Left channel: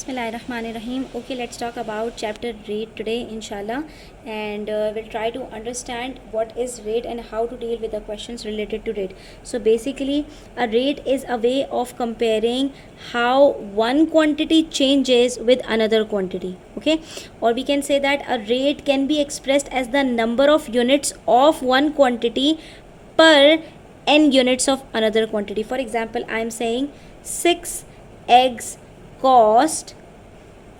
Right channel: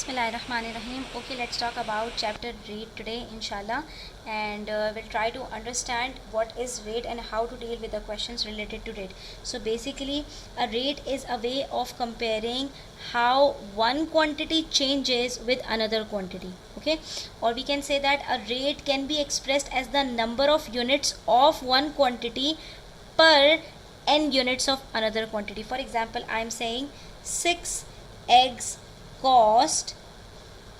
Bismillahirrahmanirrahim. Okay, let's talk about chapter rate today, inshallah, and we'll try to understand what is rate and how to deal with the questions related to rate. So, basically, a rate is a way of comparing how one quantity changes with another quantity. Okay, or we can say that a rate can be expressed as the number of units of one quantity per n units of another quantity. For example, I am saying 6 eggs cost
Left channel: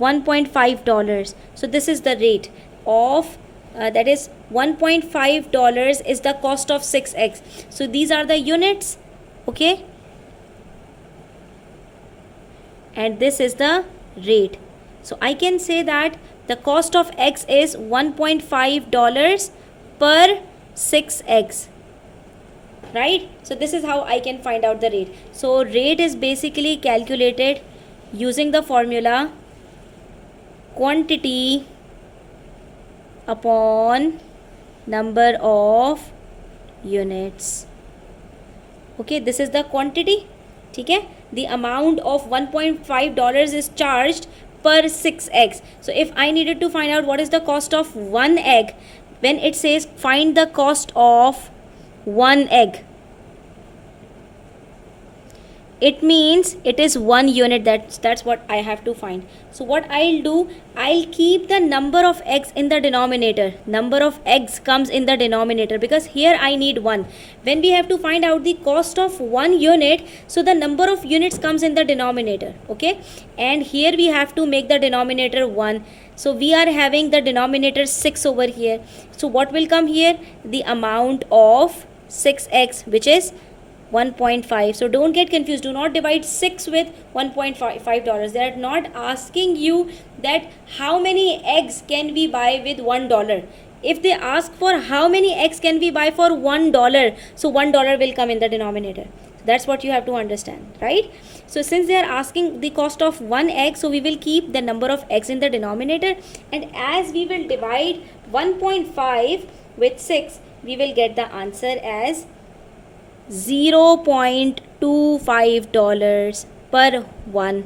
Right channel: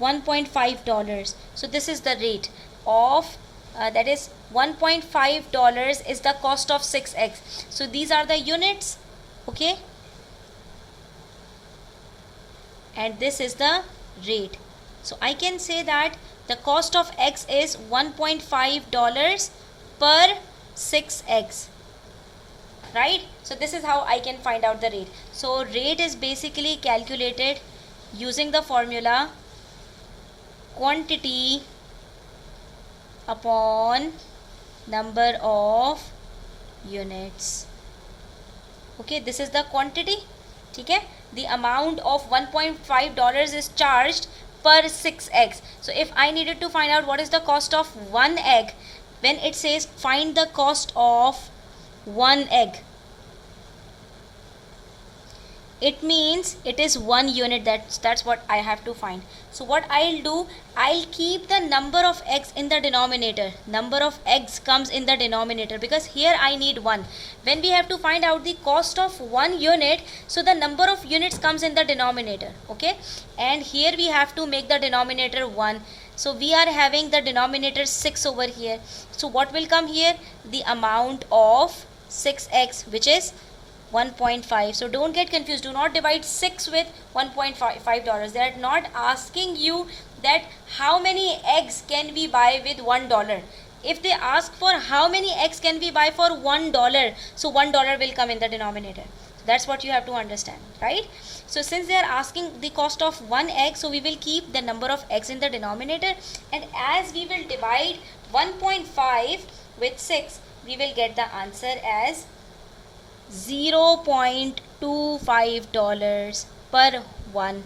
$1.5. So this is the rate of that is $1.5 is the cost of 6 eggs. So these are the units, okay, and this is the rate. So I can say that the cost of eggs is $1.5 per 6 eggs, right? So this is how I can find out the rate. So rate is basically calculated using the formula quantity upon number of units. Okay, this is the quantity. Okay, the amount of $1.5 is charged per 6 eggs. So if I needed to find out what is the cost of one egg, when it says find the cost of one egg, it means it is 1 unit. That's what I have to find. So what I'll do, I'll keep the number of eggs in the denominator. Number of eggs comes in the denominator because here I need 1. When we have to find out the cost of 1 unit, so the number of units comes in the denominator, okay, and here we have to make the denominator 1. So we are having the denominator 6 over here. So what will come here? The amount of 6x, which is 1.5. So don't get confused. Do not divide 6 with $1.5. They are not asking you that how many eggs can we buy with $1. If they ask for how many eggs can we buy for $1, so $1 will come in the denominator. That's what you have to understand, right? So since they are asking the cost of one egg, so we will keep the number of eggs in the denominator, and as we will divide 1.5 with 6, we will get the answer as $0.25 per one,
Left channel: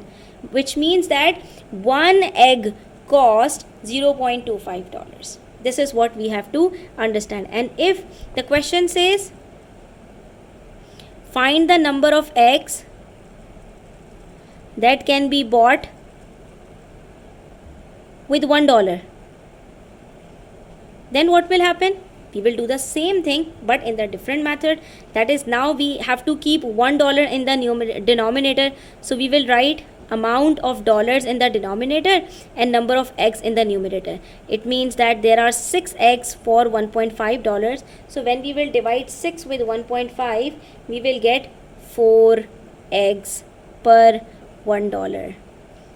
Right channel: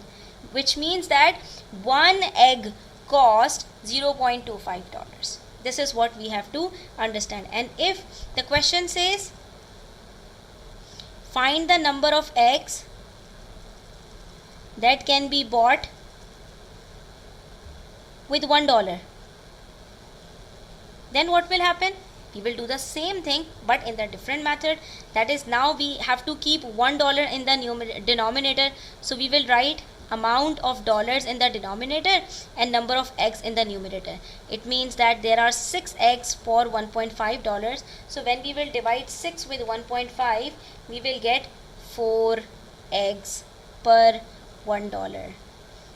which means that one egg cost $0.25. This is what we have to understand. And if the question says find the number of eggs that can be bought with $1, then what will happen? We will do the same thing but in the different method. That is, now we have to keep $1 in the denominator. So we will write amount of dollars in the denominator and number of eggs in the numerator. It means that there are 6 eggs for $1.5. So when we will divide 6 with 1.5, we will get 4 eggs per $1.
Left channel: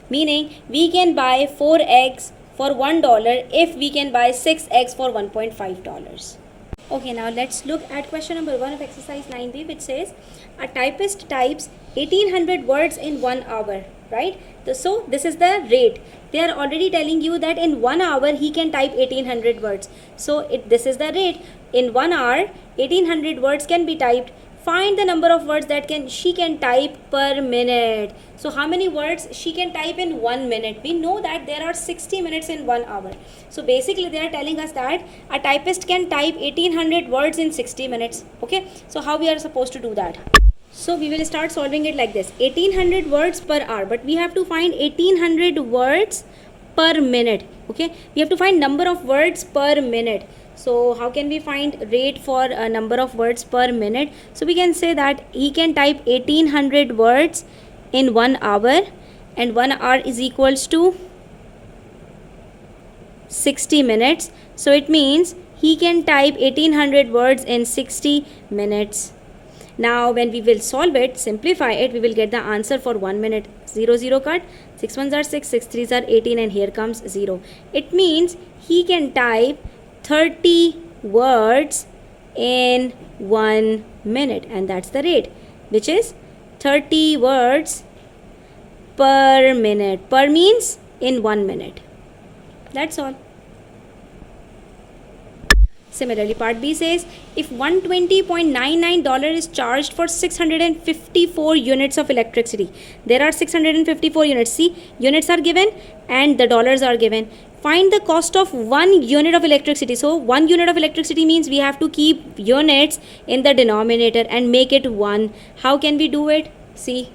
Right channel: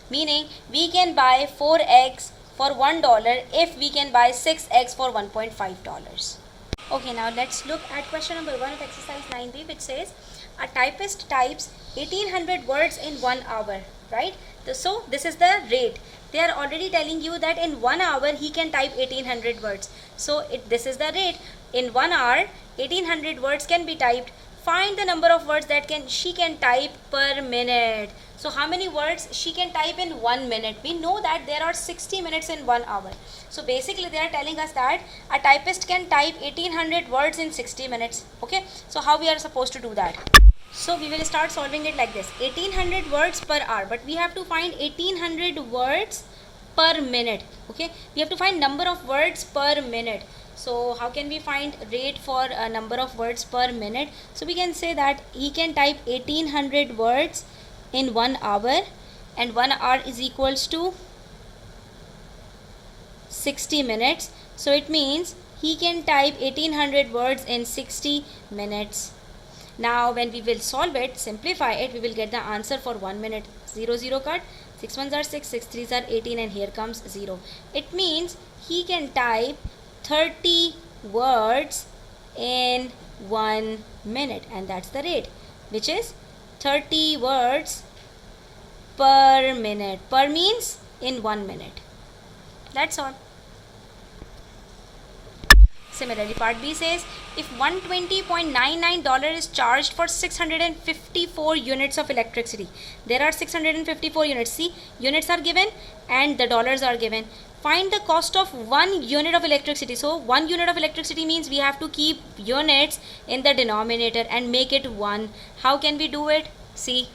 Meaning we can buy 4 eggs for $1 if we can buy 6 eggs for $1.5. Okay, now let's look at question number 1 of exercise 9b, which says a typist types 1800 words in 1 hour, right? So this is the rate. They are already telling you that in 1 hour he can type 1800 words. So this is the rate. In 1 hour 1800 words can be typed. Find the number of words that she can type per minute. So how many words she can type in 1 minute? We know that there are 60 minutes in 1 hour. So basically they are telling us that a typist can type 1800 words in 60 minutes. Okay, so how we are supposed to do that? So we will start solving it like this. 1800 words per hour, but we have to find 1800 words per minute. Okay, we have to find number of words per minute. So how can we find rate for a number of words per minute? So we can say that he can type 1800 words in 1 hour, and 1 hour is equals to 60 minutes. So it means he can type 1800 words in 60 minutes. Now when we will solve it, simplify it, we will get the answer for 1 minute. 0 0 cut, 6 1s are 6, 6 3s are 18, and here comes 0. It means he can type 30 words in 1 minute, and that's the rate, which is 30 words per minute. Per means in 1 minute. That's all. Similarly, part B says if $120.99 is charged for 654 units of electricity. There are 654 units. See, units are given and the dollars are given. Find the cost of 1 unit of electricity. So 1 unit of electricity means we have to keep units in the denominator and make it 1. How can we do it? See.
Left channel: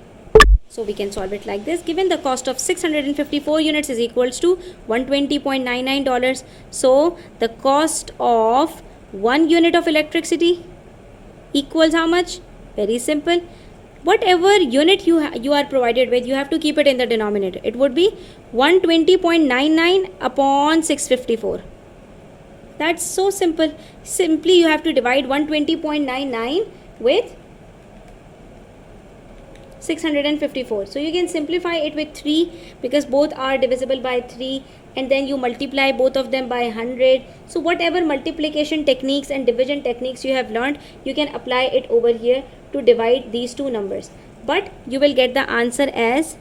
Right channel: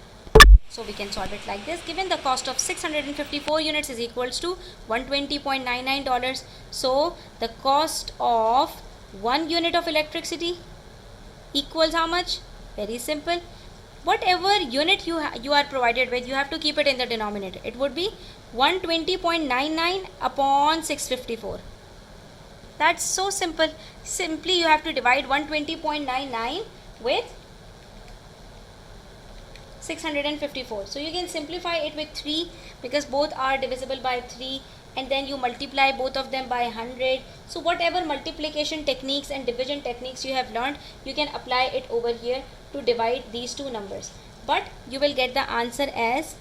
So we can solve it like this. Given the cost of 654 units is equals to $120.99. So the cost of 1 unit of electricity equals how much? Very simple. Whatever unit you are provided with, you have to keep it in the denominator. It would be 120.99 upon 654. That's so simple. Simply you have to divide 120.99 with 654. So you can simplify it with 3 because both are divisible by 3, and then you multiply both of them by 100. So whatever multiplication techniques and division techniques you have learned, you can apply it over here to divide these two numbers. But you will get the answer as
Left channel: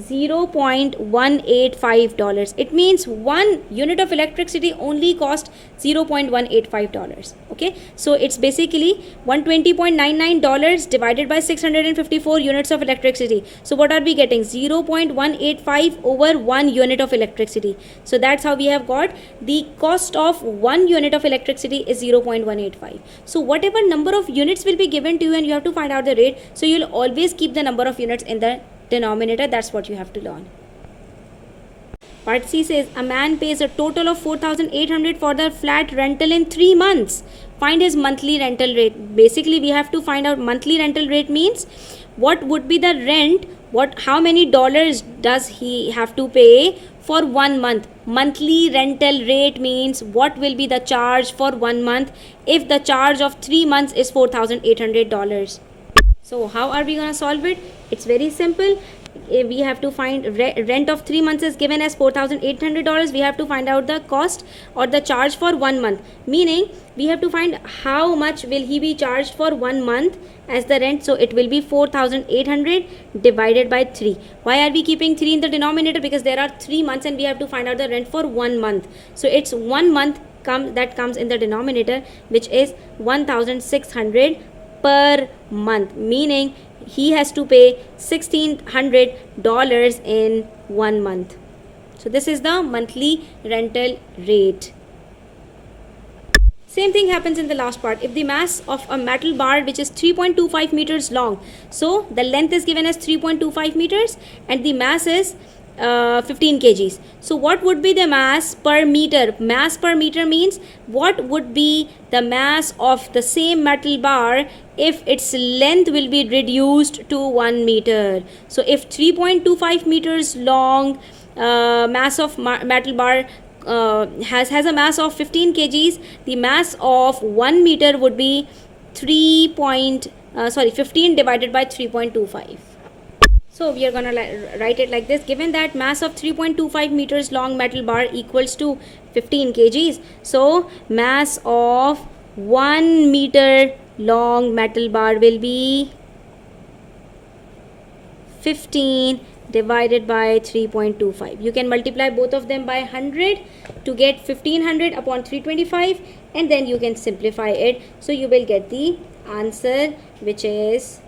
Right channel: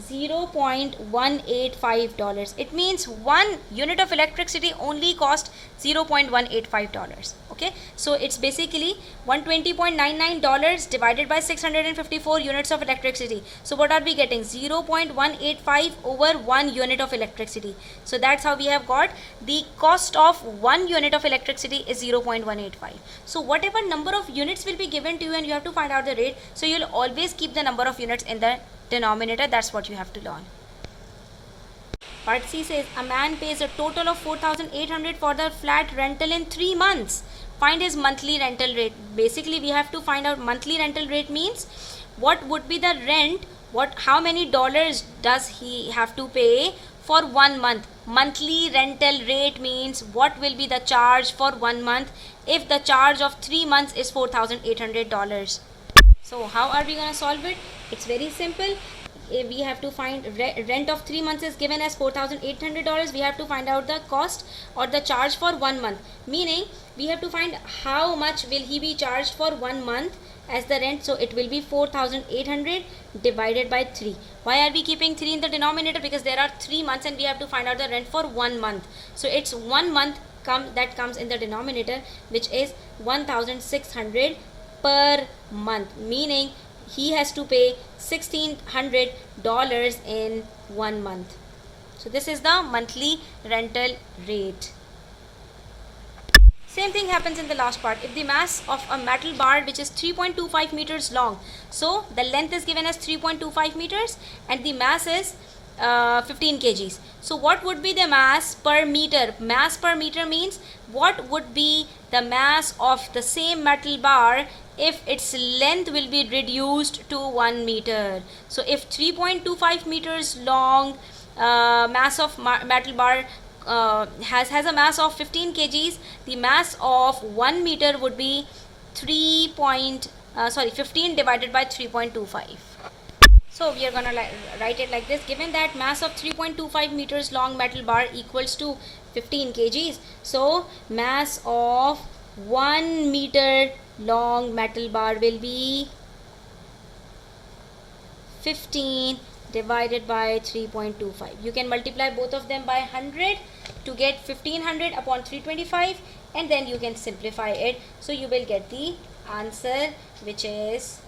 $0.185. It means 1 unit of electricity only cost $0.185. Okay, so it's basically $120.99 divided by 654 units of electricity. So what are we getting? 0.185 over 1 unit of electricity. So that's how we have got the cost of 1 unit of electricity is 0.185. So whatever number of units will be given to you and you have to find out the rate, so you'll always keep the number of units in the denominator. That's what you have to learn. Part C says a man pays a total of 4,800 for the flat rental in 3 months. Find his monthly rental rate. Basically we have to find out monthly rental rate means what would be the rent, how many dollars does he have to pay for 1 month. Monthly rental rate means what will be the charge for 1 month if the charge of 3 months is $4,800. So how are we going to solve it? It's very simple. We have to find rent of 3 months is given as $4,800. We have to find out the cost or the charge for 1 month. Meaning we have to find how much will he be charged for 1 month as the rent. So it will be 4,800 divided by 3. Why are we keeping 3 in the denominator? Because there are 3 months and we have to find out the rent for 1 month. So it's 1 month that comes in the denominator, which is 1,600 per month, meaning he has to pay $1,600 in 1 month. So this is the monthly rental rate. Same thing happens in the last part. If the mass of a metal bar which is 3.25 meters long, so the length is given as 3.25 meters and the mass is 15 kgs. So what would be the mass per meter? Mass per meter means what would be the mass of the same metal bar if its length will be reduced to 1 meter. So if 3.25 meters long mass of metal bar has a mass of 15 kgs, the mass of 1 meter would be 15 divided by 3.25. So we are gonna write it like this. Given that mass of 3.25 meters long metal bar equals to 15 kgs, so mass of 1 meter long metal bar will be 15 divided by 3.25. You can multiply both of them by 100 to get 1500 upon 325, and then you can simplify it. So you will get the answer, which is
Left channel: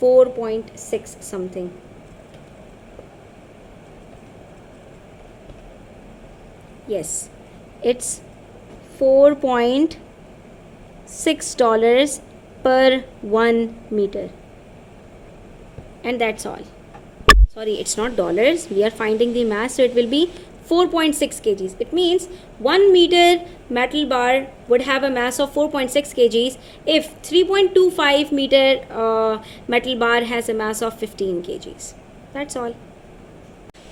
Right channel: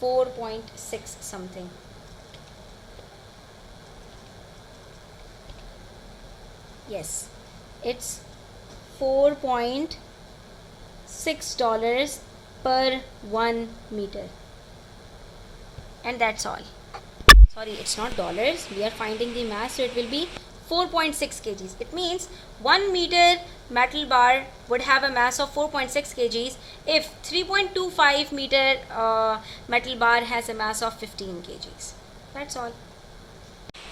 4.6 something. Yes, it's $4.6 per 1 meter. And that's all. Sorry, it's not dollars. We are finding the mass, so it will be 4.6 kgs. It means 1 meter metal bar would have a mass of 4.6 kgs if 3.25 meter metal bar has a mass of 15 kgs. That's all.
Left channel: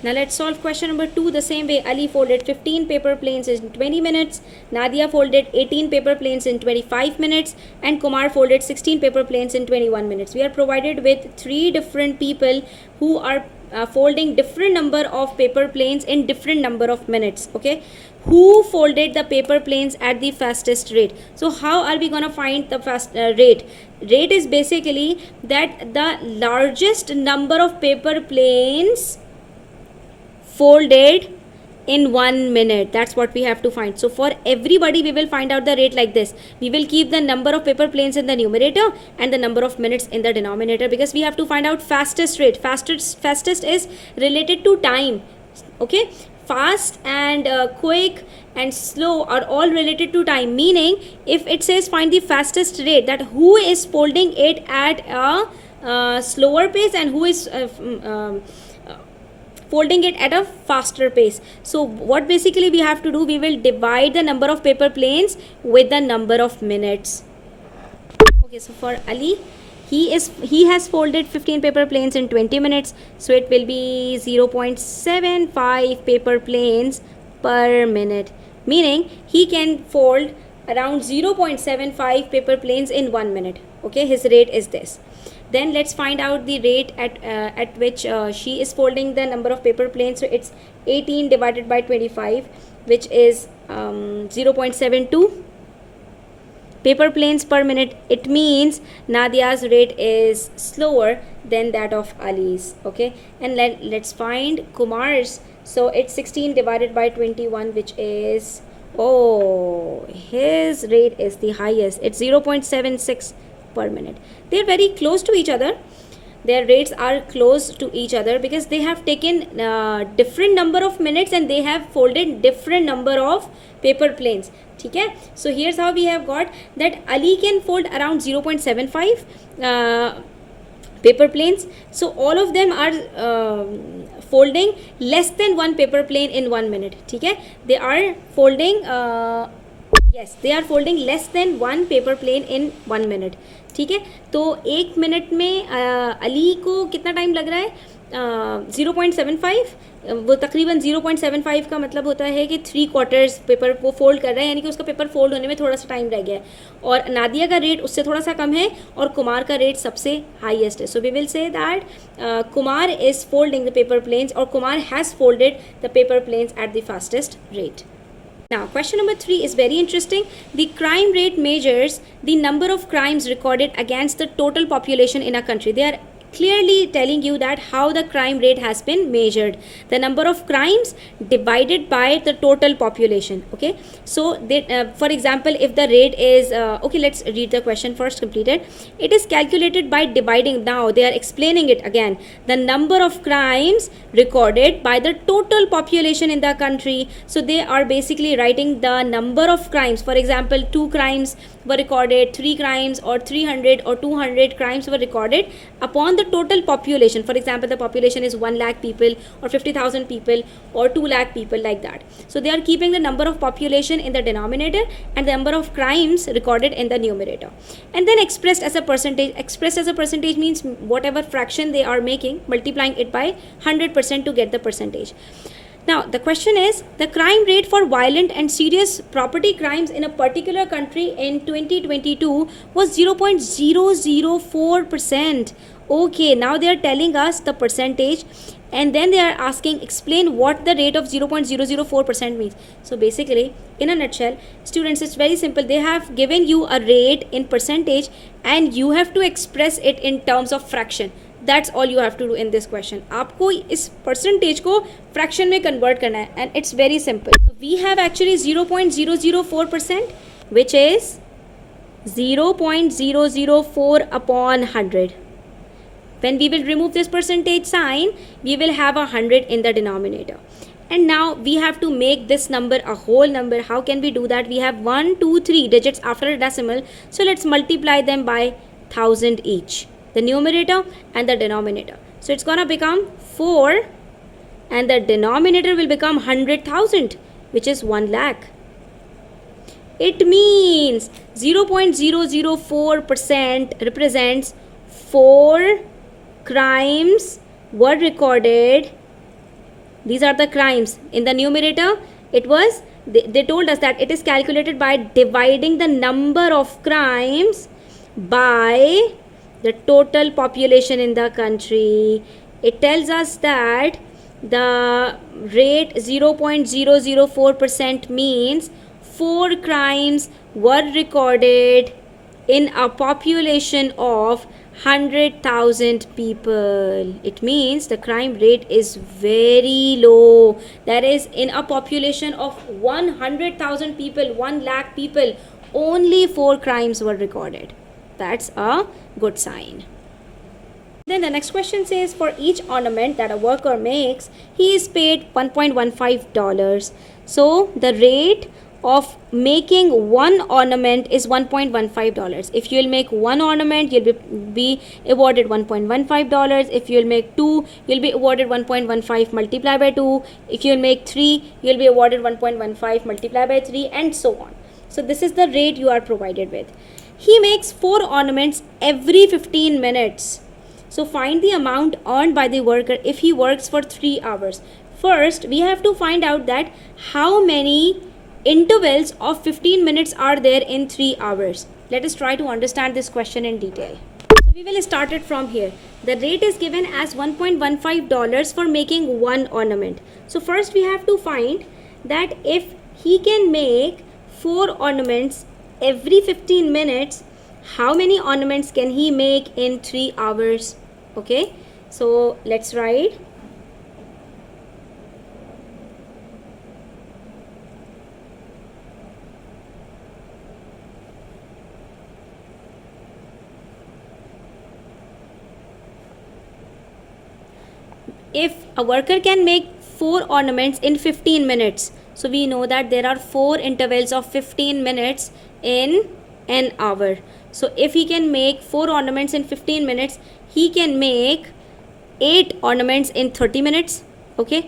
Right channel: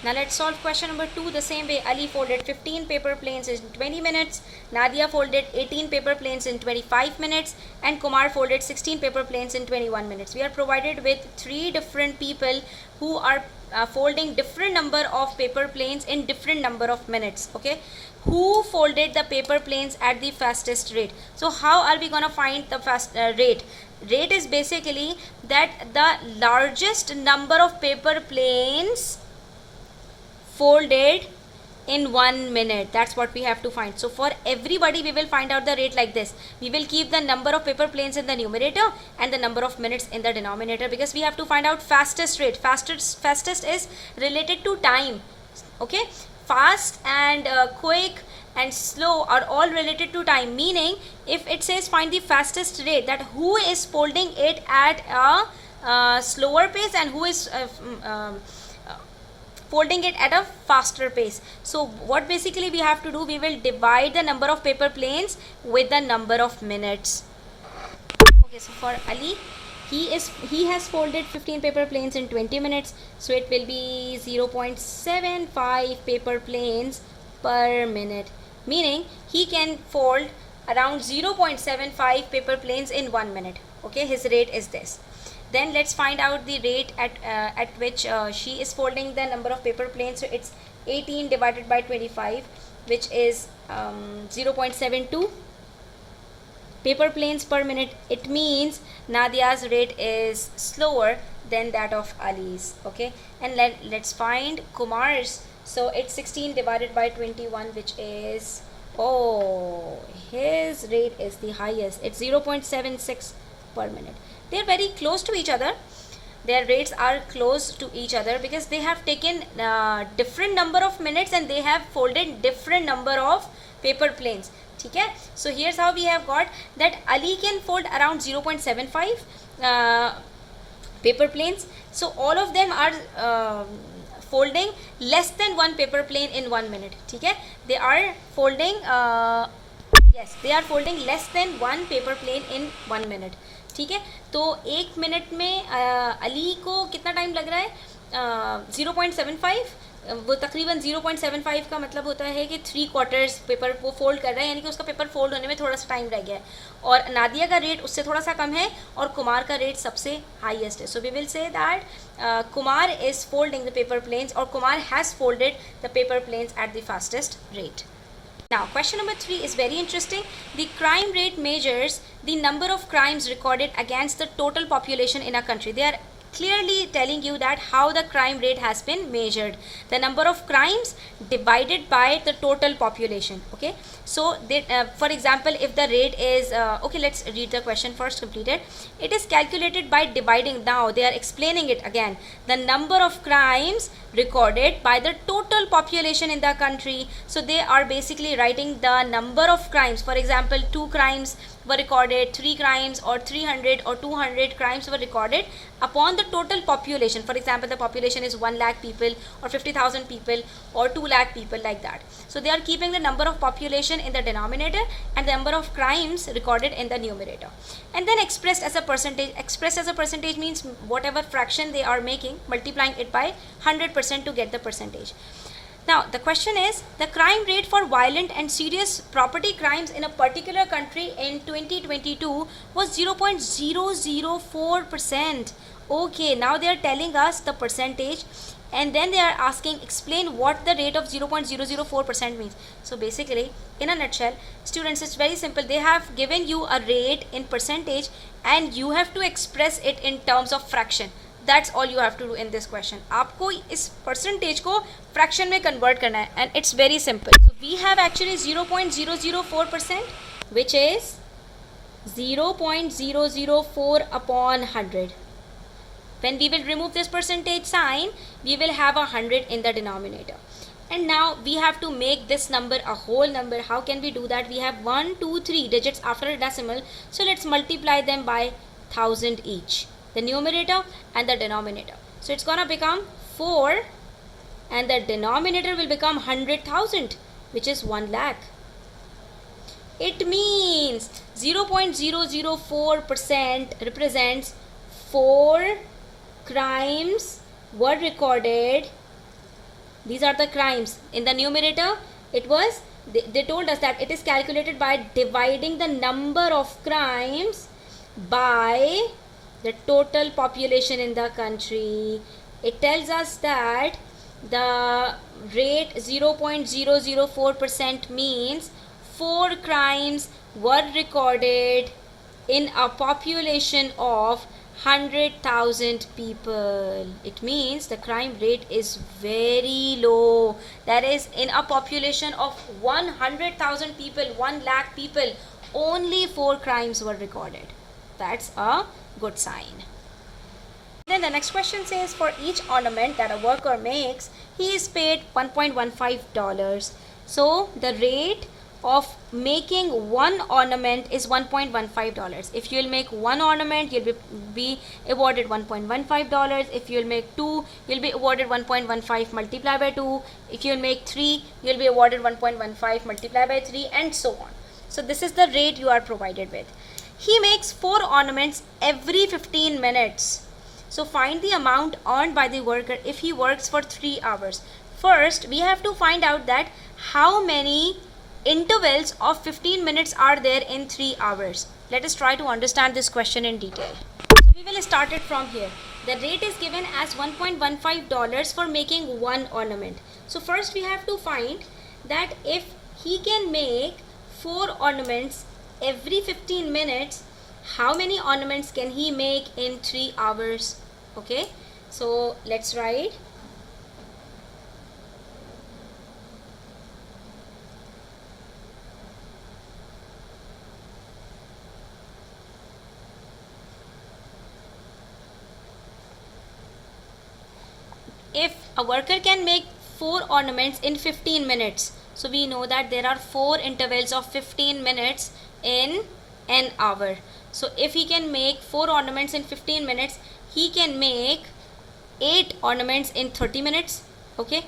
Now let's solve question number 2 the same way. Ali folded 15 paper planes in 20 minutes. Nadia folded 18 paper planes in 25 minutes. And Kumar folded 16 paper planes in 21 minutes. We are provided with 3 different people who are folding different number of paper planes in different number of minutes. Okay, who folded the paper planes at the fastest rate? So how are we gonna find the fast rate? Rate is basically that the largest number of paper planes folded in 1 minute. That's what we have to find. So for everybody we will find out the rate like this. We will keep the number of paper planes in the numerator and the number of minutes in the denominator, because we have to find out fastest rate. Fastest is related to time. Okay, fast and quick and slow are all related to time, meaning if it says find the fastest rate, that who is folding it at a slower pace and who is folding it at a faster pace. So what basically we have to do, we will divide the number of paper planes with the number of minutes. Okay, so for Ali, he has folded 15 paper planes in 20 minutes, so it will be 0.75 paper planes per minute, meaning he can fold around 0.75 paper planes in 1 minute. Okay, his rate is this. Then let's find out the rate at which she is folding the number of paper planes. So it's 18 divided by 25, which is 0.72 paper planes per minute. It means Nadia's rate is slower than that of Ali's. Okay, and let's find Kumar's. So it's 16 divided by 21, which is, oh, his rate is the highest. It's 0.76 per minute. They're very close to each other. Their rates are close to each other because they have taken different number of minutes and they have folded different number of paper planes. Okay, so here's how we have got that Ali can fold around 0.75 paper planes. So all of them are folding less than one paper plane in 1 minute. Okay, they are folding yes, they are folding less than one paper plane in 1 minute. ठीक है, तो 1 minute में अली को कितना time लग रहा है? 0.75, वो तकरीबन 0.75 का मतलब होता है कि 3/4 पेपर वो फोल्ड कर रहा है, यानी कि उसका पेपर फोल्ड होने में थोड़ा सा टाइम रह गया है. और नादिया का रेट उससे थोड़ा सा कम है और कुमार का रेट सबसे हाईएस्ट है. So we will say that Kumar is folding the paper planes और Kumar has folded the paper planes at the fastest rate. Now, question number 3 is very interesting. The crime rate measures the number of crimes recorded against the total population in a country. They are clearly telling you that how the crime rate has been measured. The number of crimes divided by the total population. Okay. So, for example, if the rate is, okay, let's read the question first completed. It is calculated by dividing. Now, they are explaining it again. The number of crimes recorded by the total population in the country. So they are basically writing the number of crimes. For example, 2 crimes were recorded, 3 crimes or 300 or 200 crimes were recorded upon the total population. For example, the population is 1 lakh people or 50,000 people or 2 lakh people, like that. So they are keeping the number of population in the denominator and the number of crimes recorded in the numerator, and then expressed as a percentage. Expressed as a percentage means whatever fraction they are making, multiplying it by 100% to get the percentage. Now the question is, the crime rate for violent and serious property crimes in a particular country in 2022 was 0.004%. Okay, now they are telling us the percentage and then they are asking explain what the rate of 0.004% means. So basically, in a nutshell, students, it's very simple. They have given you a rate in percentage and you have to express it in terms of fraction. That's all you have to do in this question. आपको इस percentage को fraction में convert करना है and it's very simple. So we have actually 0.004%, which is 0.004 upon 100. When we will remove this percentage sign, we will have 100 in the denominator. And now we have to make this number a whole number. How can we do that? We have 1, 2, 3 digits after a decimal. So let's multiply them by 1000 each. The numerator and the denominator. So it's gonna become 4 and the denominator will become 100,000, which is 1 lakh. It means 0.004% represents 4 crimes were recorded. These are the crimes. In the numerator, it was, they told us that it is calculated by dividing the number of crimes by the total population in the country. It tells us that the rate 0.004% means 4 crimes were recorded in a population of 100,000 people. It means the crime rate is very low. That is, in a population of 100,000 people, 1 lakh people, only 4 crimes were recorded. That's a good sign. Then the next question says, for each ornament that a worker makes, he is paid $1.15. So the rate of making one ornament is $1.15. If you'll make one ornament, you'll be awarded $1.15. If you'll make two, you'll be awarded 1.15 multiplied by 2. If you'll make 3, you'll be awarded 1.15 multiplied by 3, and so on. So this is the rate you are provided with. He makes 4 ornaments every 15 minutes. So find the amount earned by the worker if he works for 3 hours. First, we have to find out that how many intervals of 15 minutes are there in 3 hours. Let us try to understand this question in detail. So we will start it from here. The rate is given as $1.15 for making one ornament. So first we have to find that if he can make 4 ornaments every 15 minutes, how many ornaments can he make in 3 hours? Okay, so let's write. If a worker can make 4 ornaments in 15 minutes, so we know that there are 4 intervals of 15 minutes in an hour. So if he can make 4 ornaments in 15 minutes, he can make 8 ornaments in 30 minutes. Okay,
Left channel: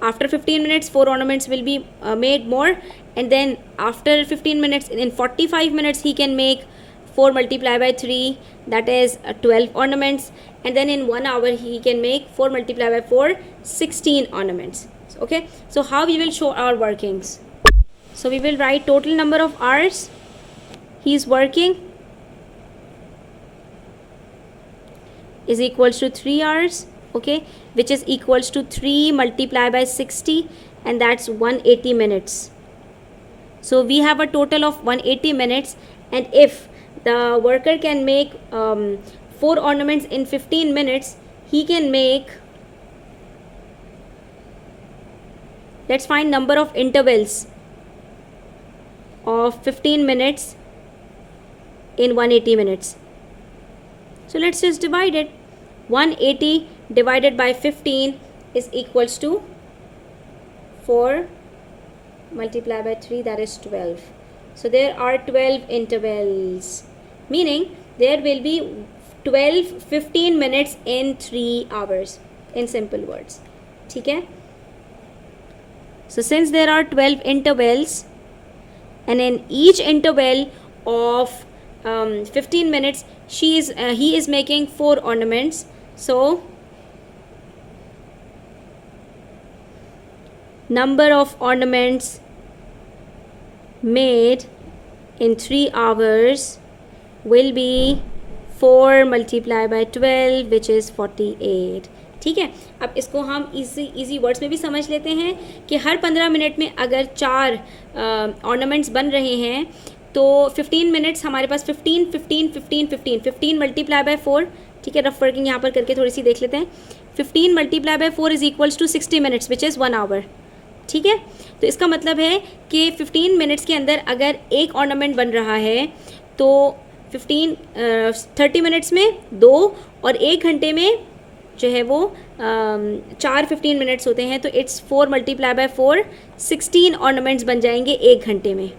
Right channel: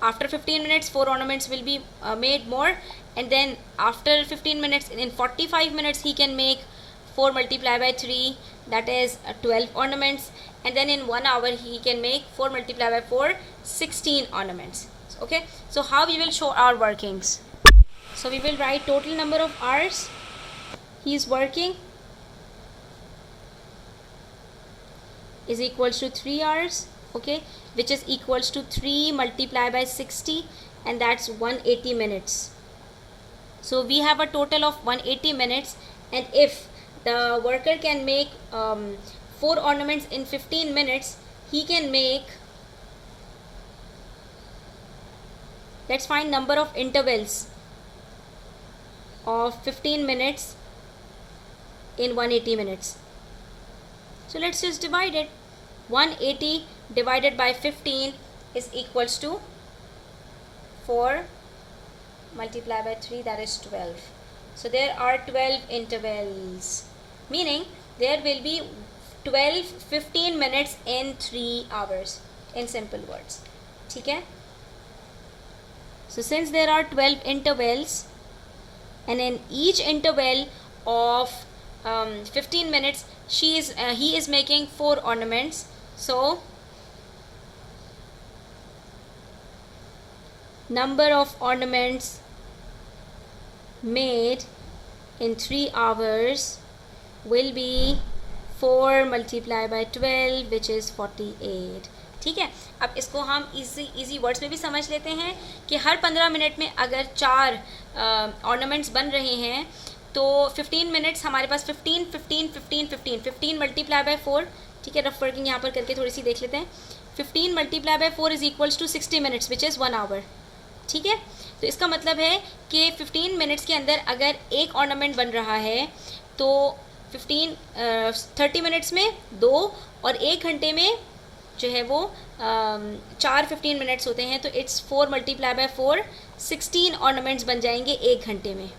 after 15 minutes 4 ornaments will be made more, and then after 15 minutes, in 45 minutes, he can make 4 multiplied by 3, that is 12 ornaments, and then in 1 hour he can make 4 multiplied by 4, 16 ornaments. Okay, so how we will show our workings? So we will write total number of hours he is working is equals to 3 hours, okay, which is equals to 3 multiplied by 60, and that's 180 minutes. So we have a total of 180 minutes, and if the worker can make 4 ornaments in 15 minutes, he can make, let's find number of intervals of 15 minutes in 180 minutes. So let's just divide it. 180 divided by 15 is equals to 4 multiplied by 3, that is 12. So there are 12 intervals, meaning there will be 12 15 minutes in 3 hours, in simple words. Okay? So since there are 12 intervals, and in each interval of 15 minutes he is making 4 ornaments, so number of ornaments made in 3 hours will be 4 multiplied by 12, which is 48. ठीक है, अब इसको हम easy words में भी समझ लेते हैं कि हर 15 मिनट में अगर 4 ऑर्नामेंट्स बन रहे हैं तो 15 मिनट्स हमारे पास 15 15 15 15 15 मल्टीप्लाई बाय 4, ठीक है, रफ वर्किंग यहाँ पर करके थोड़ी सी देख लेते हैं. 15 multiply by 4 is equals to 60 minutes, which is 1 hour. ठीक है, तो इसका मतलब है कि 15 मिनट्स के अंदर अगर एक ऑर्नामेंट बन रहा है तो 30 मिनट्स में 2 और 1 घंटे में जो है वो 4 15 मिनट्स होते हैं, तो इट्स 4 मल्टीप्लाई बाय 4 16 ऑर्नामेंट्स बन जाएंगे 1 घंटे में.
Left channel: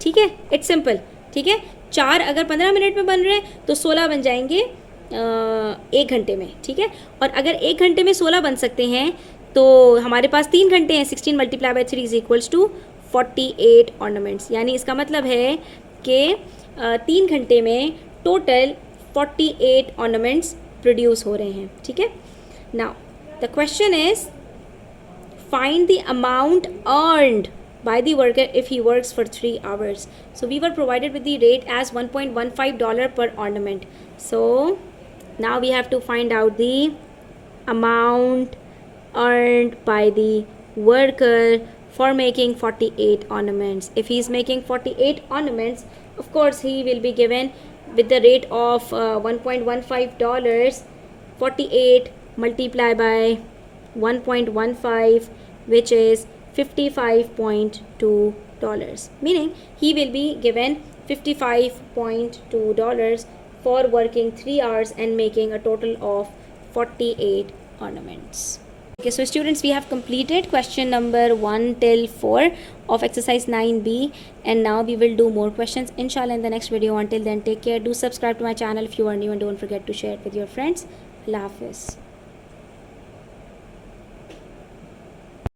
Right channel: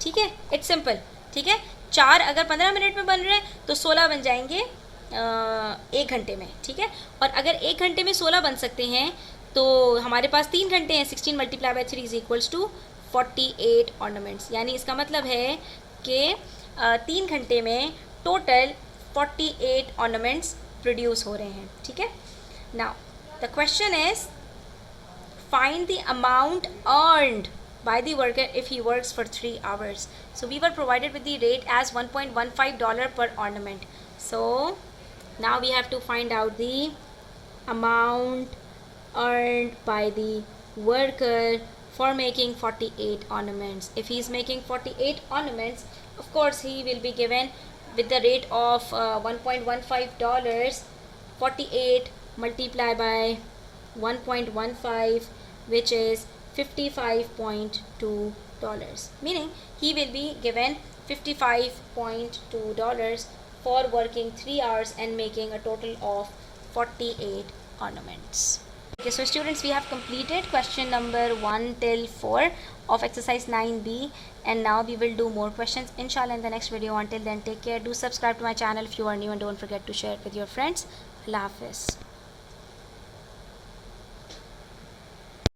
ठीक है, इट्स सिंपल. ठीक है, 4 अगर 15 मिनट में बन रहे हैं तो 16 बन जाएंगे 1 घंटे में. ठीक है, और अगर 1 घंटे में 16 बन सकते हैं तो हमारे पास 3 घंटे हैं. 16 multiply by 3 is equals to 48 ornaments. यानी इसका मतलब है कि 3 घंटे में टोटल 48 ऑर्नामेंट्स प्रोड्यूस हो रहे हैं. ठीक है, now the question is find the amount earned by the worker if he works for 3 hours. So we were provided with the rate as $1.15 per ornament. So now we have to find out the amount earned by the worker for making 48 ornaments. If he is making 48 ornaments, of course he will be given with the rate of $1.15, 48 multiplied by 1.15, which is $55.2, meaning he will be given $55.2 for working 3 hours and making a total of 48 ornaments. Okay, so students, we have completed question number 1 till 4 of exercise 9b, and now we will do more questions inshallah in the next video. Until then, take care. Do subscribe to my channel if you are new, and don't forget to share it with your friends. Allah Hafiz.